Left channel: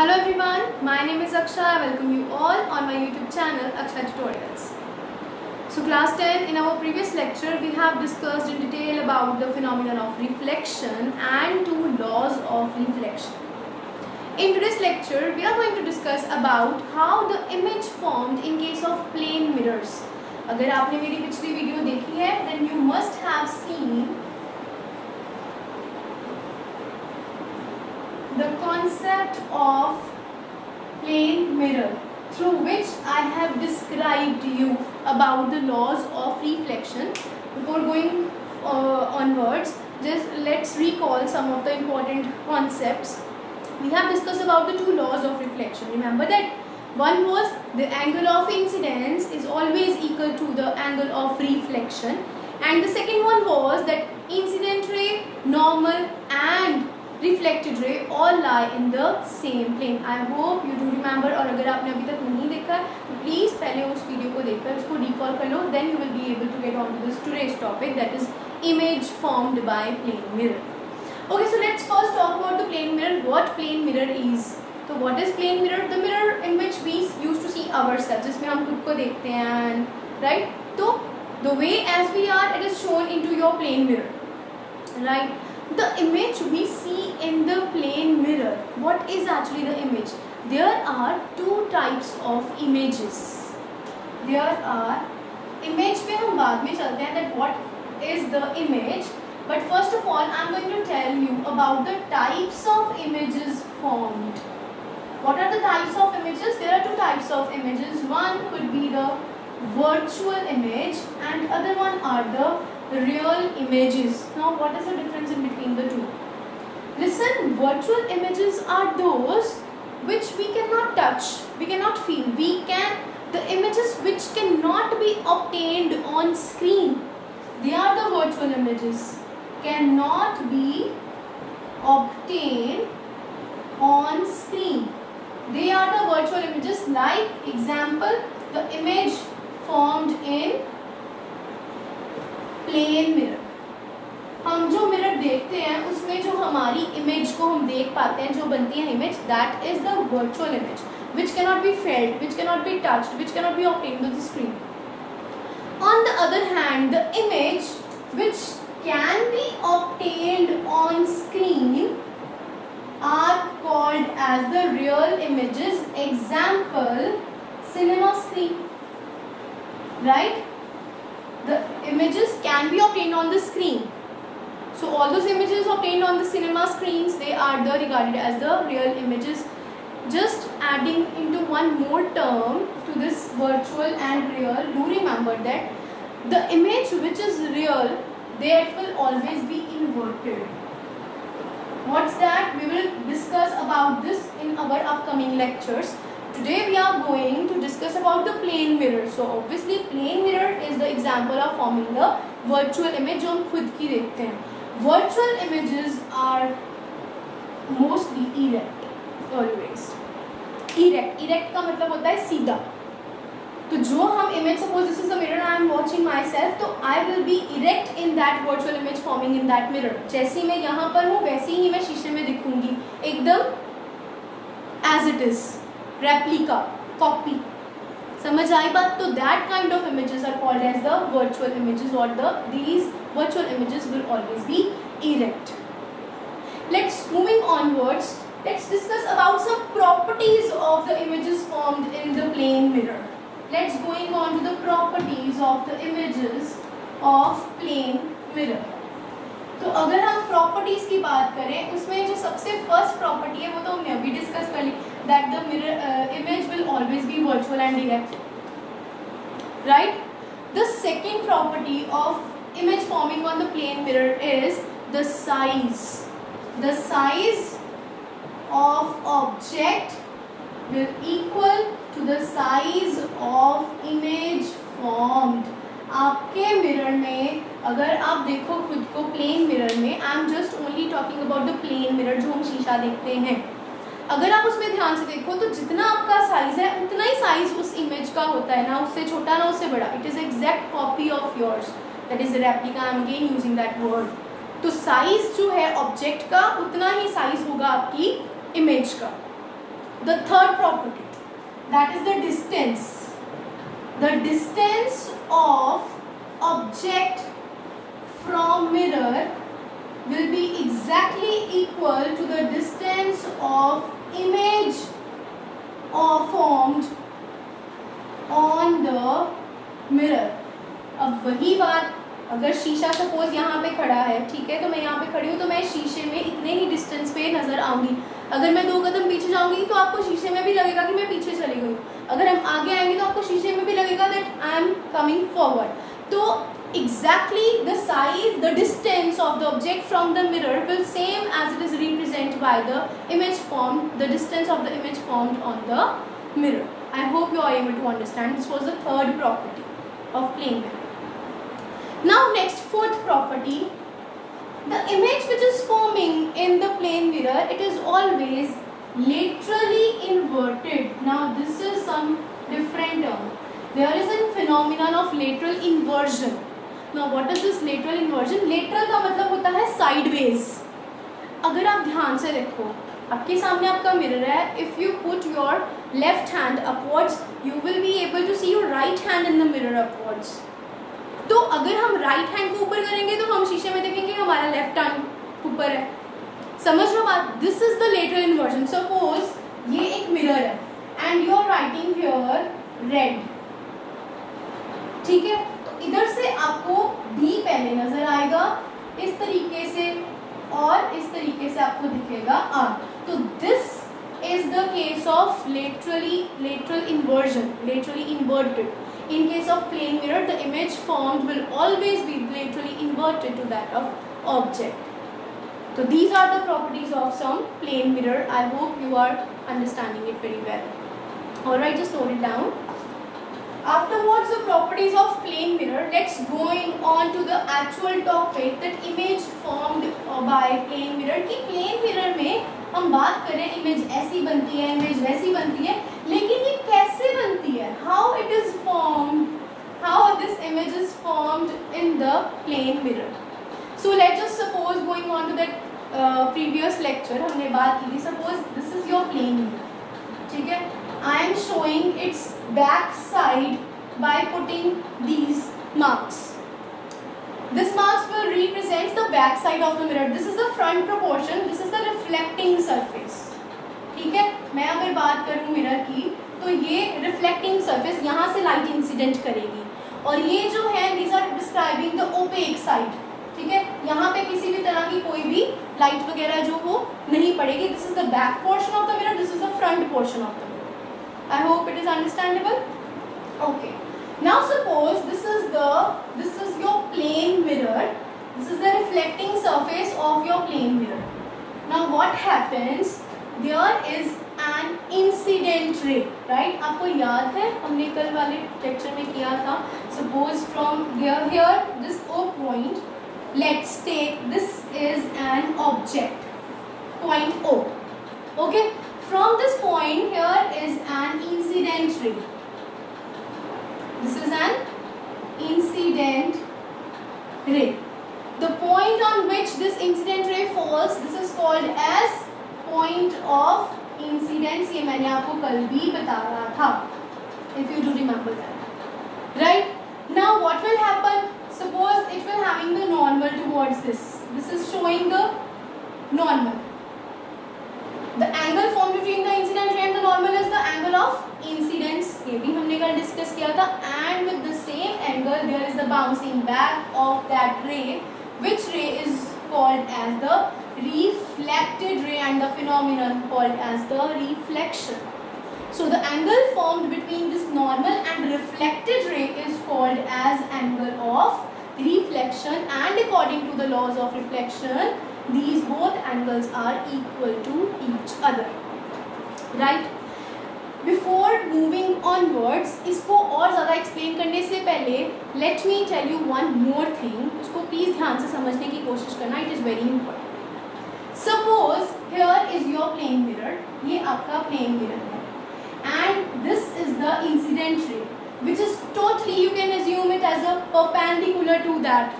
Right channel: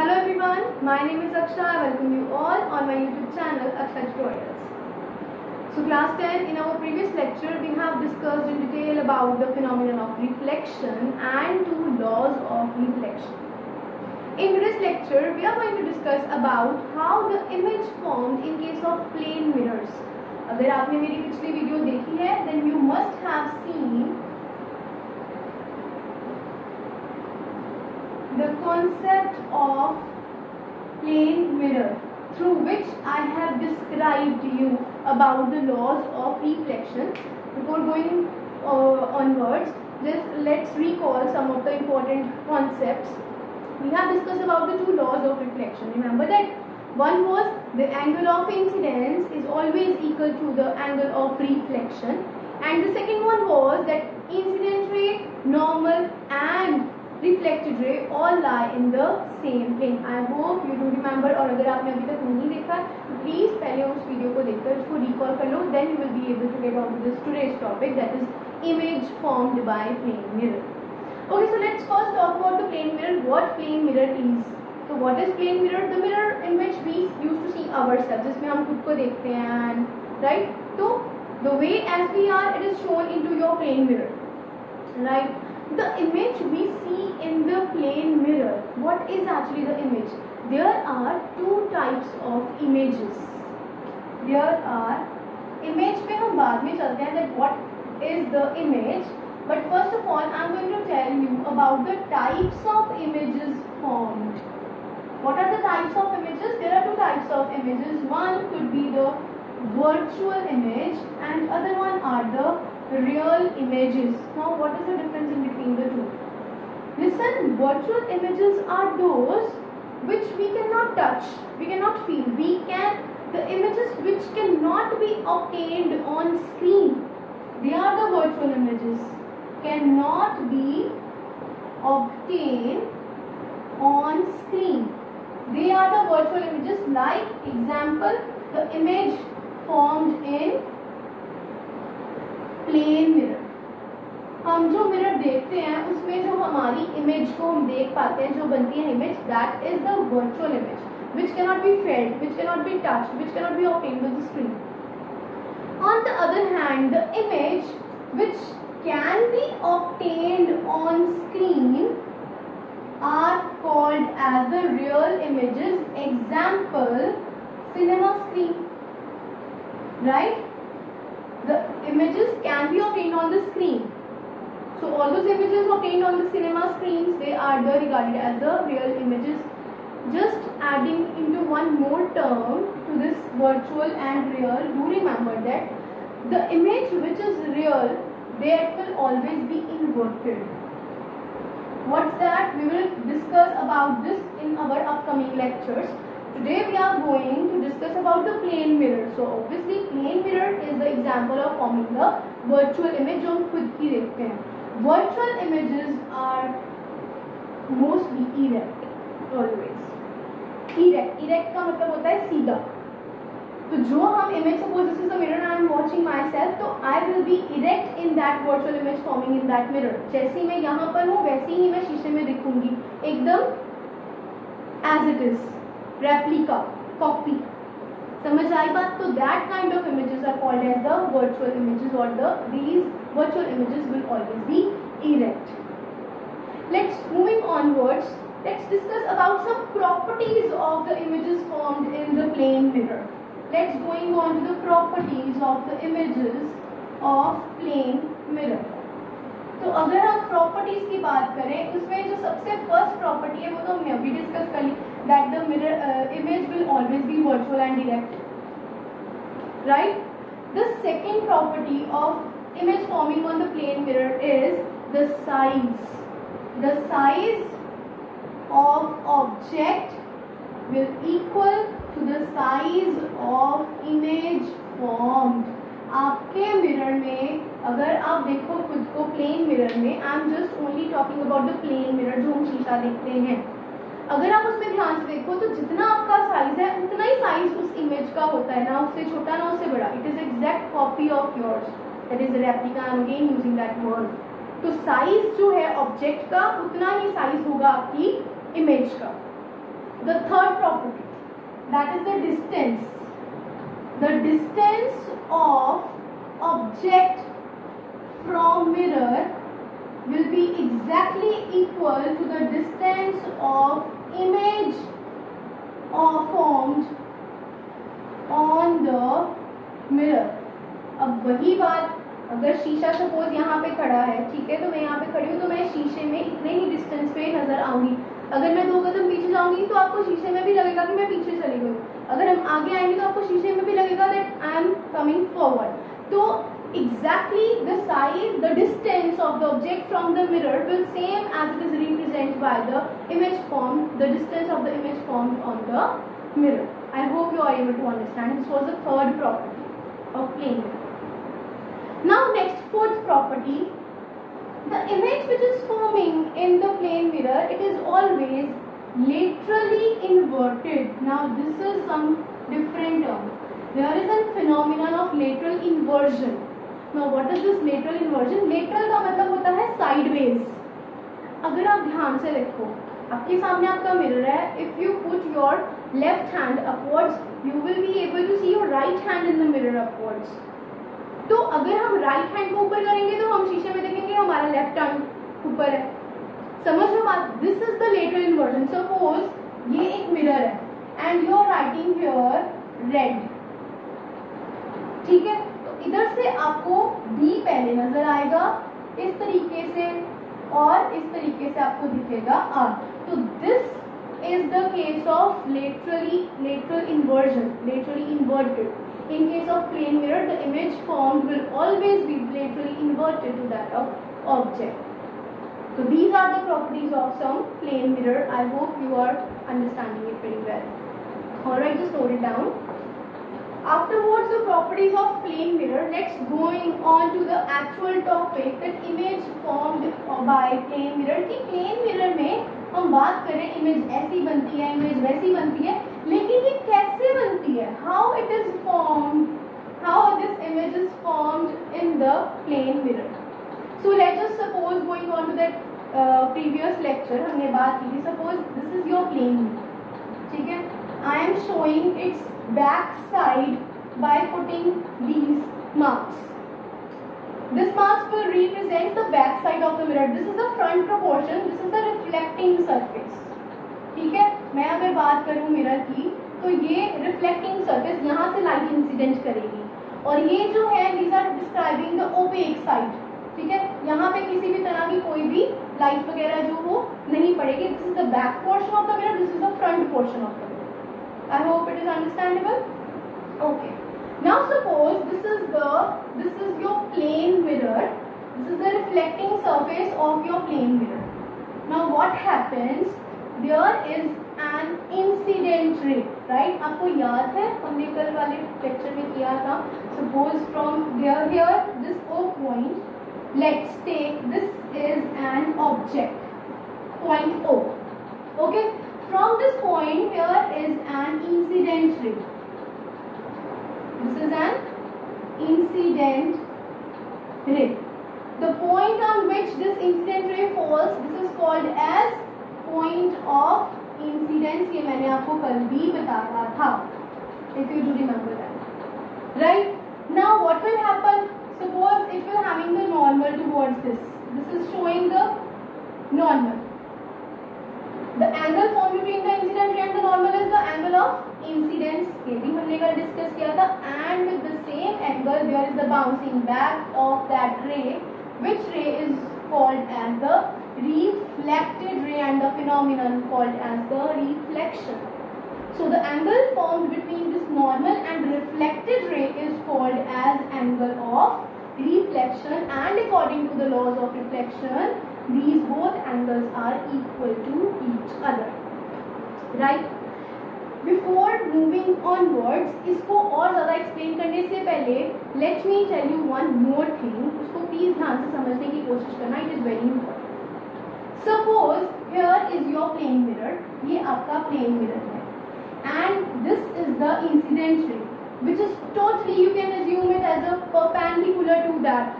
Hello everyone, my name is Aksha. I welcome you all on my YouTube channel Aksha Tutorials. So class 10, in our previous lecture we have discussed in detail about the phenomenon of reflection and two laws of reflection. In today's lecture we are going to discuss about how the image formed in case of plane mirrors. अगर आपने मेरी पिछली video देखी है then you must have seen the concept of plane mirror through which I have described you about the laws of reflection. Before going onwards, just let's recall some of the important concepts. We have discussed about the two laws of reflection. Remember that one was the angle of incidence is always equal to the angle of reflection, and the second one was that incident ray, normal and reflected ray all lie in the same plane. I hope you do remember. और अगर आपने अभी तक नहीं देखा तो please पहले उस वीडियो को देखकर उसको रिकॉल कर लो. Then you will be able to get on to this today's topic, that is image formed by plane mirror. Okay, so let's first talk about the plane mirror. What plane mirror is? So what is plane mirror? The mirror in which we used to see ourselves, जिसमें हम खुद को देखते हैं, right? तो the way as we are, it is shown into your plane mirror, right? The image we see in the plane mirror, what is actually the image? There are two types of images. There are image पे हम बाद में चलते हैं that what is the image, but first of all I am going to tell you about the types of images formed. What are the types of images? There are two types of images. One could be the virtual image and other one are the real images. Now what is the difference in between the two? Listen, virtual images are those which we cannot touch, we cannot feel, the images which cannot be obtained on screen. They are the virtual images, cannot be obtained on screen. They are the virtual images. Like example, the image formed in plane mirror. हम जो mirror देखते हैं उसमें जो हमारी image को हम देख पाते हैं, जो बनती है image, that is the virtual image which cannot be felt, which cannot be touched, which cannot be obtained with the screen. On the other hand, the image which can be obtained on screen are called as the real images. Example, cinema screen, right? The images can be obtained on the screen. So all those images obtained on the cinema screens, they are regarded as the real images. Just adding into one more term to this virtual and real, do remember that the image which is real, that will always be inverted. What's that? We will discuss about this in our upcoming lectures. Today we are going to discuss about the plane mirror. So obviously plane mirror is the example of forming the virtual image जो हम खुद की देखते हैं. Virtual images are mostly erect, always. Erect का मतलब होता है सीधा. तो जो हम image, suppose this is the mirror I am watching myself, तो I will be erect in that virtual image forming in that mirror. जैसे मैं यहाँ पर हूँ वैसे ही मैं शीशे में दिखूंगी, एकदम as it is. Replica, copy. समझ आई बात? तो that kind of images are called as the virtual images, or these virtual images will always be erect. Moving onwards, let's discuss about some properties of the images formed in the plane mirror. Let's going on to the properties of the images of plane mirror. तो अगर हम properties की बात करें, उसमें जो सबसे first property है वो तो हमने अभी डिस्कस कर ली, that the mirror image will always be virtual and direct, right. The second property of image forming on the plane mirror is the size. The size of object will equal to the size of image formed. आपके mirror में अगर आप देखो खुद को plane mirror में, I am just only talking about the plane mirror जो हम शीशा देखते हैं, अगर आप उसमें ध्यान से देखो तो जितना आपका साइज है उतना ही साइज उस इमेज का होता है, ना उससे छोटा ना उससे बड़ा. It is exact copy of yours, that is replica. I am again using that word. तो साइज जो है ऑब्जेक्ट का उतना ही साइज होगा आपकी इमेज का. The third property, that is the distance. The distance of object from mirror will be exactly equal to the distance of image formed on the mirror. अब वही बात, अगर शीशा सपोज यहाँ पे खड़ा है, ठीक है, तो मैं यहाँ पे खड़ी हूँ, तो मैं शीशे में इतने ही डिस्टेंस पे नजर आऊंगी. अगर मैं 2 कदम पीछे जाऊंगी तो आपको शीशे में भी लगेगा कि मैं पीछे चली गई. अगर हम आगे आएंगे तो आपको शीशे में भी लगेगा that I am coming forward. तो exactly the size, the distance of the object from the mirror will same as it is represented by the image formed, the distance of the image formed on the mirror. I hope you are able to understand. This was the third property of plane mirror. Now next, fourth property, the image which is forming in the plane mirror, it is always laterally inverted. Now this is some different term. There is a phenomenon of lateral inversion. Now what is this lateral inversion? Lateral का मतलब होता है sideways. अगर आप ध्यान से देखो, आपके सामने आपका मिरर है. If you put your left hand upwards, you will be able to see your right hand in the mirror upwards. तो अगर हम राइट हैंड को ऊपर करेंगे तो हम शीशे में देखेंगे हमारा लेफ्ट हैंड ऊपर है. समझ लो बात. This is the lateral inversion. Suppose ये एक मिरर है and you are writing here red, ठीक है, तो इधर से आपको बी पहले नजर आएगा इस तरीके से और इस तरीके से आपको दिखेगा आर. तो this is the case of lateral inversion, laterally inverted. In case of plane mirror, the image formed will always be laterally inverted to that of object. So these are the properties of some plane mirror. I hope you are understanding it very well. Alright, just note it down. Afterwards, the properties of plane mirror. Let's going on to the actual topic, that image formed by plane mirror. कि plane mirror में हम बात करें image ऐसी बनती है, image वैसी बनती है, लेकिन ये कैसे बनती है, how it is formed, how this image is formed in the plane mirror. So let's just suppose going on to that previous lecture हमने बात की थी. Suppose this is your plane mirror, ठीक है. I am showing its back side by putting these marks. This marks will represent the back side of the mirror. This is the front proportion. This is the reflecting surface. ठीक है. मैं अगर बात करूँ mirror की तो ये reflecting surface, यहाँ से light incident करेगी और ये जो है these are describing the opaque side. ठीक है. यहाँ पे किसी भी तरह की कोई भी light वगैरह जो वो नहीं पड़ेगी. This is the back portion of the mirror. This is the front portion of the mirror. I hope it is understandable. Okay. Now suppose this is your plane mirror. This is the reflecting surface of your plane mirror. Now what happens? There is an incident ray, right? आपको याद है हमने कल वाले lecture में किया था. Suppose from here this O point. Let's take this is an object. Point O. Okay. From this point here is an incident ray. This is an incident ray. The point on which this incident ray falls, this is called as point of incidence. ये मैंने आपको कल भी बताया था. If you do remember that, right? Now what will happen? Suppose it will having the normal towards this. This is showing the normal. The angle formed between the incident ray and the normal is the angle of incidence. ये भी हमने कल discuss किया था. And with the same angle there is the bouncing back of that ray, which ray is called as the reflected ray and the phenomenon called as the reflection. So the angle formed between this normal and reflected ray is called as angle of reflection, and according to the laws of reflection, these both angles are equal to each other, right? Before moving onwards, इसको और ज़्यादा explain करने से पहले let me tell you one more thing. उसको please ध्यान से समझने की कोशिश करना. It is very important. Suppose here is your plane mirror. ये आपका plane mirror है, and this is the incident ray, which is totally you can assume it as a perpendicular to that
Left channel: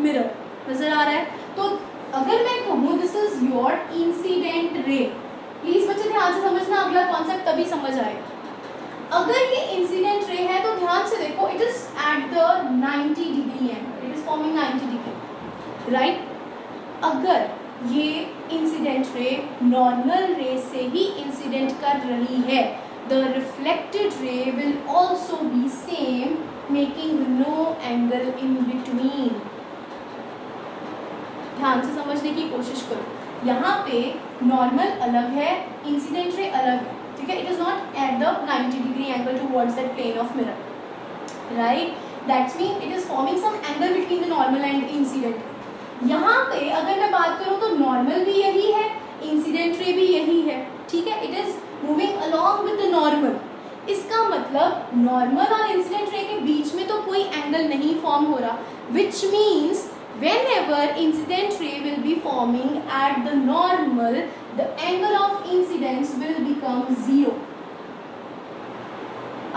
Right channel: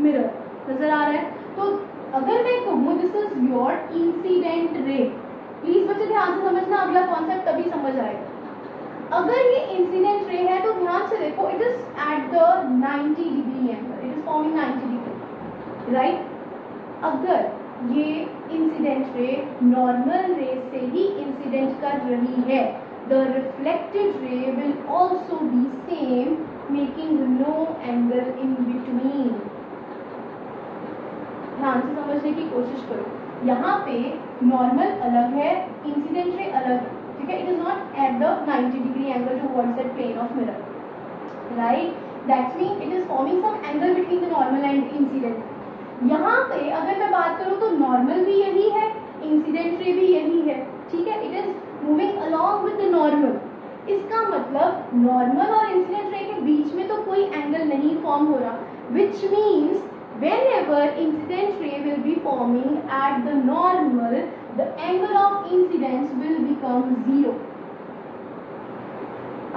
mirror. नजर आ रहा है? तो अगर मैं कहूँ this is your incident ray, please बच्चे ध्यान से समझना. अगला कॉन्सेप्ट तभी समझ आएगा। अगर ये इंसिडेंट रे है तो ध्यान से देखो, it is eight the 90 degree angle, it is forming 90 degree, right. अगर ये इंसिडेंट रे नॉर्मल रे से ही इंसिडेंट कर रही है, the reflected ray will also be same, making no angle in between. ध्यान से समझने की कोशिश करो। यहाँ पे नॉर्मल अलग है, इंसिडेंट रे अलग है, ठीक है। It is not at the 90 degree angle towards that plane of mirror, right. That's mean it is forming some angle between the normal and incident. यहाँ पे अगर मैं बात करूँ तो नॉर्मल भी यही है, इंसिडेंट रे भी यही है, ठीक है। It is moving along with the normal. इसका मतलब नॉर्मल और इंसिडेंट रे के बीच में तो कोई एंगल नहीं फॉर्म हो रहा, which means whenever incident ray will be forming at the normal, the angle of incidence will become 0.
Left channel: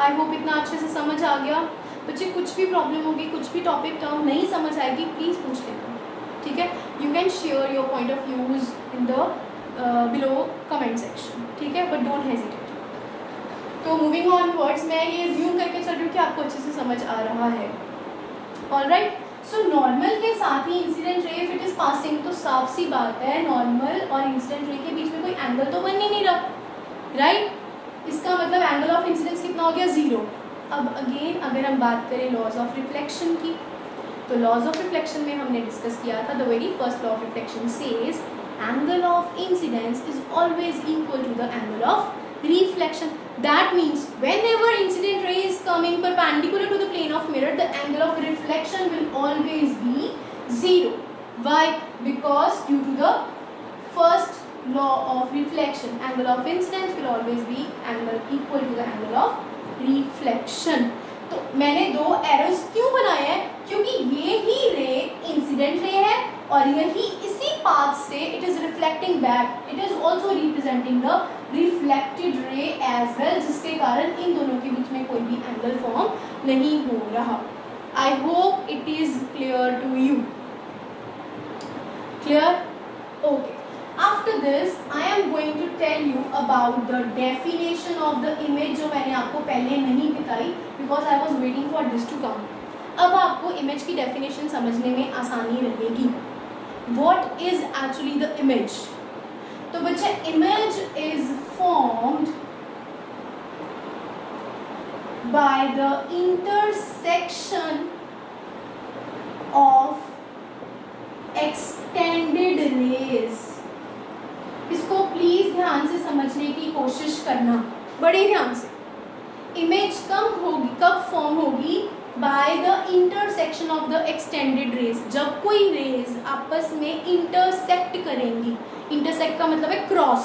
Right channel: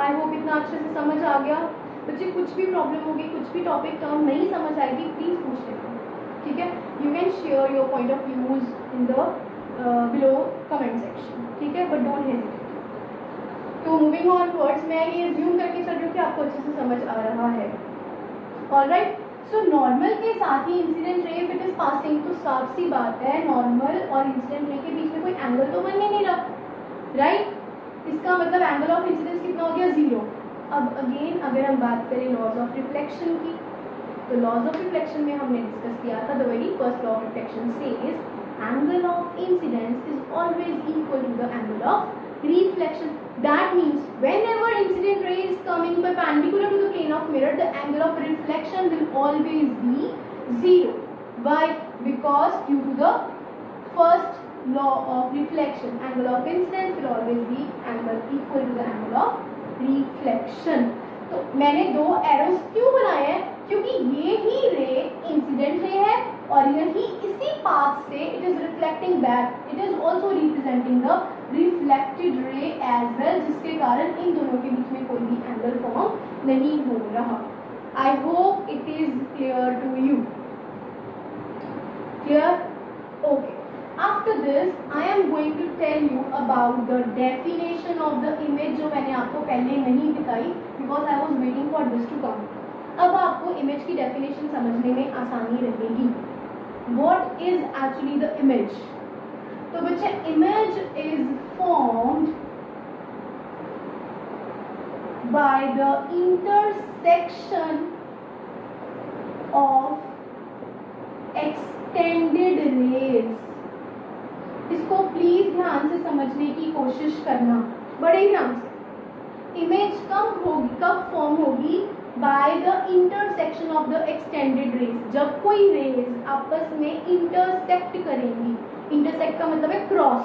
I hope इतना अच्छे से समझ आ गया। बच्चे कुछ भी प्रॉब्लम होगी, कुछ भी टॉपिक टर्म नहीं समझ आएगी, प्लीज पूछ लेना, ठीक है। You can share your point of views in the below comment section, ठीक है, बट डोंट हेजिटेट। तो मूविंग ऑन वर्ड्स, मैं ये ज्यूम करके चल रही हूँ कि आपको अच्छे से समझ आ रहा है। ऑलराइट, सो नॉर्मल के साथ ही incident ray if it is passing, तो साफ सी बात है नॉर्मल और इंसिडेंट रे के बीच में कोई एंगल तो बन ही नहीं रहा, राइट। इसका मतलब एंगल ऑफ इंसिडेंस कितना हो गया, 0। अब अगेन अगर हम बात करें लॉज ऑफ रिफ्लेक्शन की, तो लॉज ऑफ रिफ्लेक्शन में हमने डिस्कस किया था, the very first law of reflection says angle of incidence is always equal to the angle of reflection. That means whenever incident ray is coming perpendicular to the plane of mirror, the angle of reflection will always be 0. Why? Because due to the first law of reflection, angle of incidence will always be angle equal to the angle of reflection. तो मैंने दो arrows क्यों बनाए हैं, क्योंकि ये ही रे incident रे है और यही इसी पाथ से it is reflecting back, it is also representing the reflected ray as well, जिसके कारण इन दोनों के बीच में कोई भी एंगल फॉर्म नहीं हो रहा। I hope it is clear to you. Clear? Okay. After this, I am going to tell you about the definition of the image, जो मैंने आपको पहले नहीं बताई because I was waiting for this to come. अब आपको image की definition समझने में आसानी रहेगी। What is actually the image? तो बच्चे image is formed by the intersection of extended rays. इसको प्लीज ध्यान से समझने की कोशिश करना, बड़े ध्यान से। इमेज कब फॉर्म होगी, by the intersection of the extended rays. जब कोई रेज आपस में इंटरसेक्ट करेंगी, इंटरसेक्ट का मतलब है cross,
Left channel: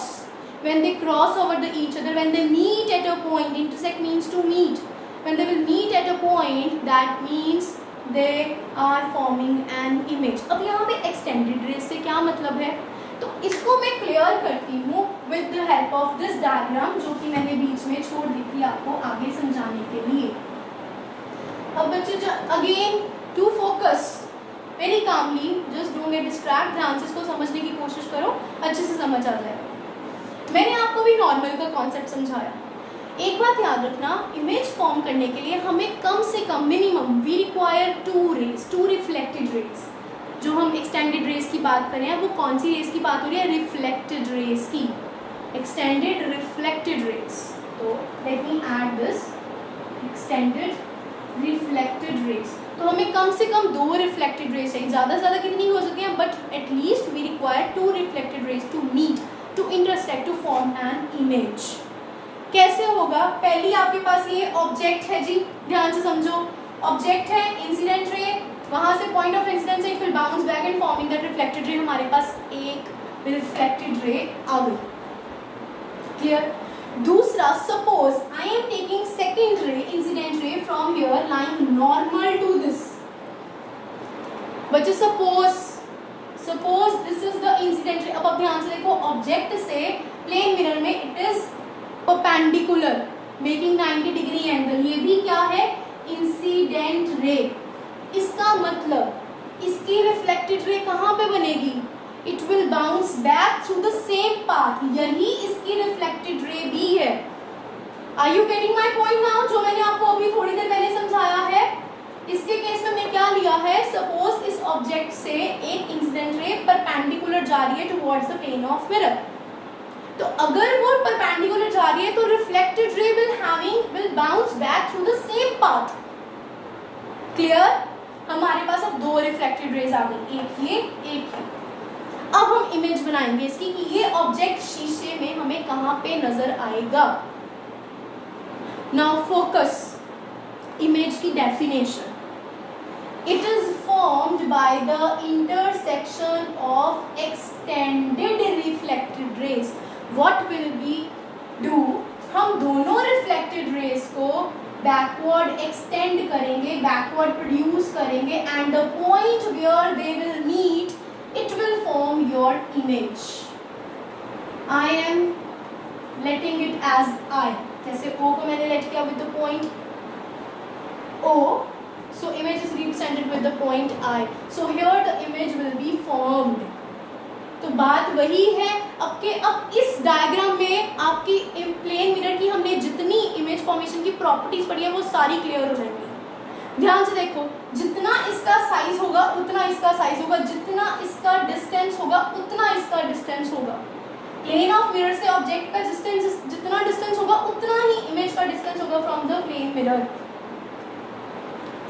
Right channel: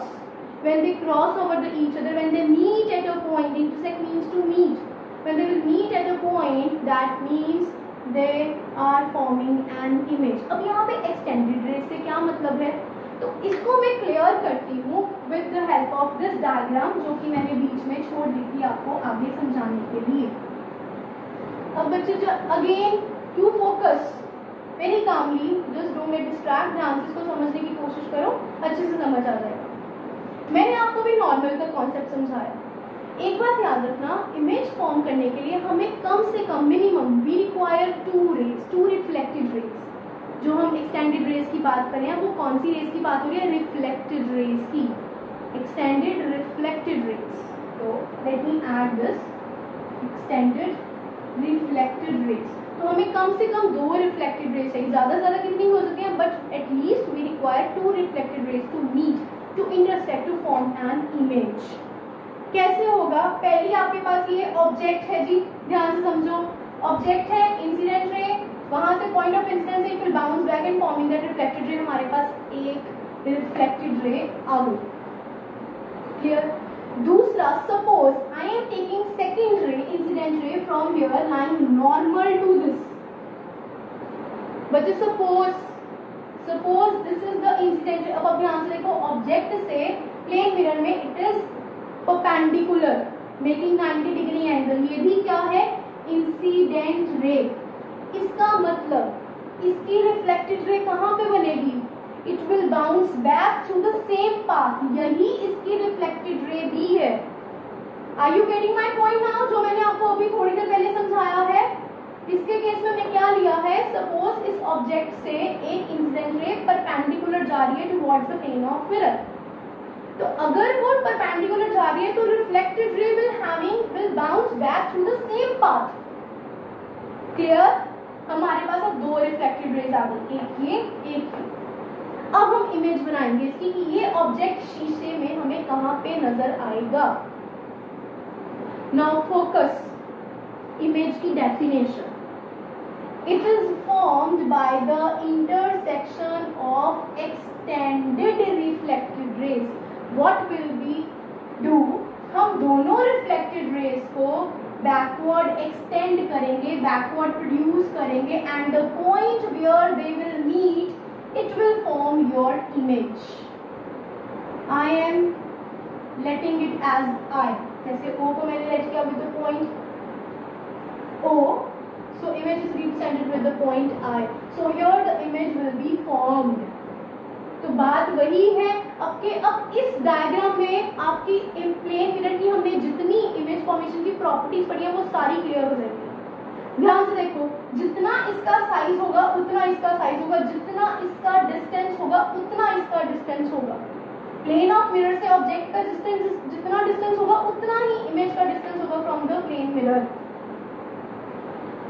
when they cross over the each other, when they meet at a point, intersect means to meet, when they will meet at a point, that means they are forming an image. अब यहाँ पे extended rays से क्या मतलब है, तो इसको मैं क्लियर करती हूँ with the help of this diagram, जो कि मैंने बीच में छोड़ दी थी आपको आगे समझाने के लिए। अब बच्चे again to focus very calmly, just don't get distract, ध्यान से इसको समझने की कोशिश करो, अच्छे से समझ आ जाएगा। मैंने आपको भी नॉर्मल का कॉन्सेप्ट समझाया। एक बात याद रखना, इमेज फॉर्म करने के लिए हमें कम से कम minimum we require 2 rays, 2 reflected rays. जो हम एक्सटेंडेड रेज की बात कर रहे हैं वो कौन सी रेज की बात हो रही है, रिफ्लेक्टेड रेज की, एक्सटेंडेड रिफ्लेक्टेड रेज। तो let me add this extended reflected raise. तो हमें कम से कम 2 रिफ्लेक्टेड रेज चाहिए, ज़्यादा से ज़्यादा कितनी हो सकती हैं, but at least we require 2 reflected rays to meet, to intersect, to form an image. कैसे होगा, पहली आपके पास ये ऑब्जेक्ट है जी, ध्यान से समझो। ऑब्जेक्ट है इंसिडेंट रे, वहां से point of incidence it will bounce back and forming that reflected ray. हमारे पास एक रिफ्लेक्टेड रे आ गई। क्लियर? दूसरा, suppose I am taking second ray, incident ray from here lying normal to this. बच्चे suppose this is the incident ray. अब ध्यान से देखो, object से प्लेन मिरर में it is perpendicular, making 90 degree angle. ये भी क्या है, इंसिडेंट रे। इसका मतलब इसकी रिफ्लेक्टेड रे कहाँ पे बनेगी, it will bounce back through the same path. यही इसकी रिफ्लेक्टेड रे भी है। Are you getting my point now? जो मैंने आपको अभी थोड़ी देर पहले समझाया है, इसके केस में मैं क्या लिया है, सपोज इस ऑब्जेक्ट से एक इंसिडेंट रे परपेंडिकुलर जा रही है towards the plane of mirror. तो अगर वो परपेंडिकुलर जा रही है तो reflected ray will bounce back through the same path. Clear? हमारे पास अब दो रिफ्लेक्टेड रेज आ गई, एक ये एक ये। अब हम इमेज बनाएंगे इसकी कि ये ऑब्जेक्ट शीशे में हमें कहां पे नजर आएगा। नाउ फोकस, इमेज की definition, it is formed by the intersection of extended reflected rays. What will we do? हम दोनों reflected rays को backward extend करेंगे, backward produce करेंगे, and the point where they will meet, it will form your image. I am letting it as I. जैसे O को मैंने let किया with the point O. So image is represented with the point I. So here the image will be formed. तो बात वही है। अब इस डायग्राम में आपकी प्लेन मिरर की हमने जितनी इमेज फॉर्मेशन की प्रॉपर्टीज पढ़ी है वो सारी क्लियर हो जाएंगी। ध्यान से देखो, जितना इसका साइज होगा उतना इसका साइज होगा, जितना इसका डिस्टेंस होगा उतना इसका डिस्टेंस होगा। प्लेन ऑफ मिरर से ऑब्जेक्ट का डिस्टेंस जितना डिस्टेंस होगा उतना ही इमेज का डिस्टेंस होगा फ्रॉम द प्लेन मिरर।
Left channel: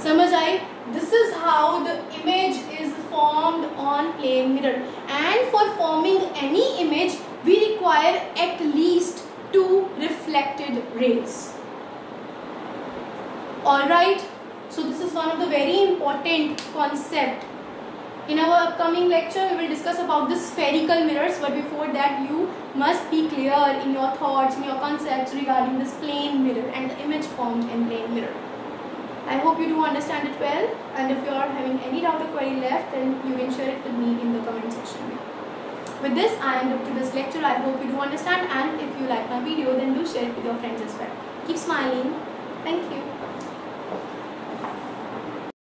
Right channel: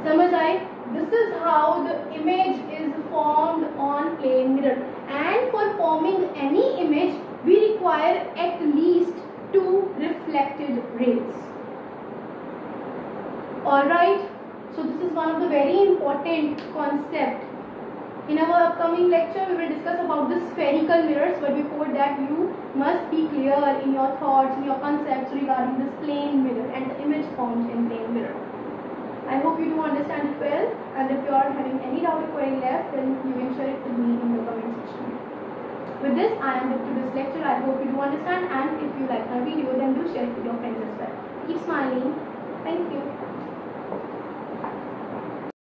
समझ आए? This is how the image is formed on plane mirror, and for forming any image we require at least 2 reflected rays. All right, so this is one of the very important concept. In our upcoming lecture we will discuss about the spherical mirrors, but before that you must be clear in your thoughts, in your concepts regarding this plane mirror and the image formed in plane mirror. I hope you do understand it well, and if you are having any doubt or query left, then you can share it with me in the comment section. With this, I am up to this lecture. I hope you do understand, and if you like my video, then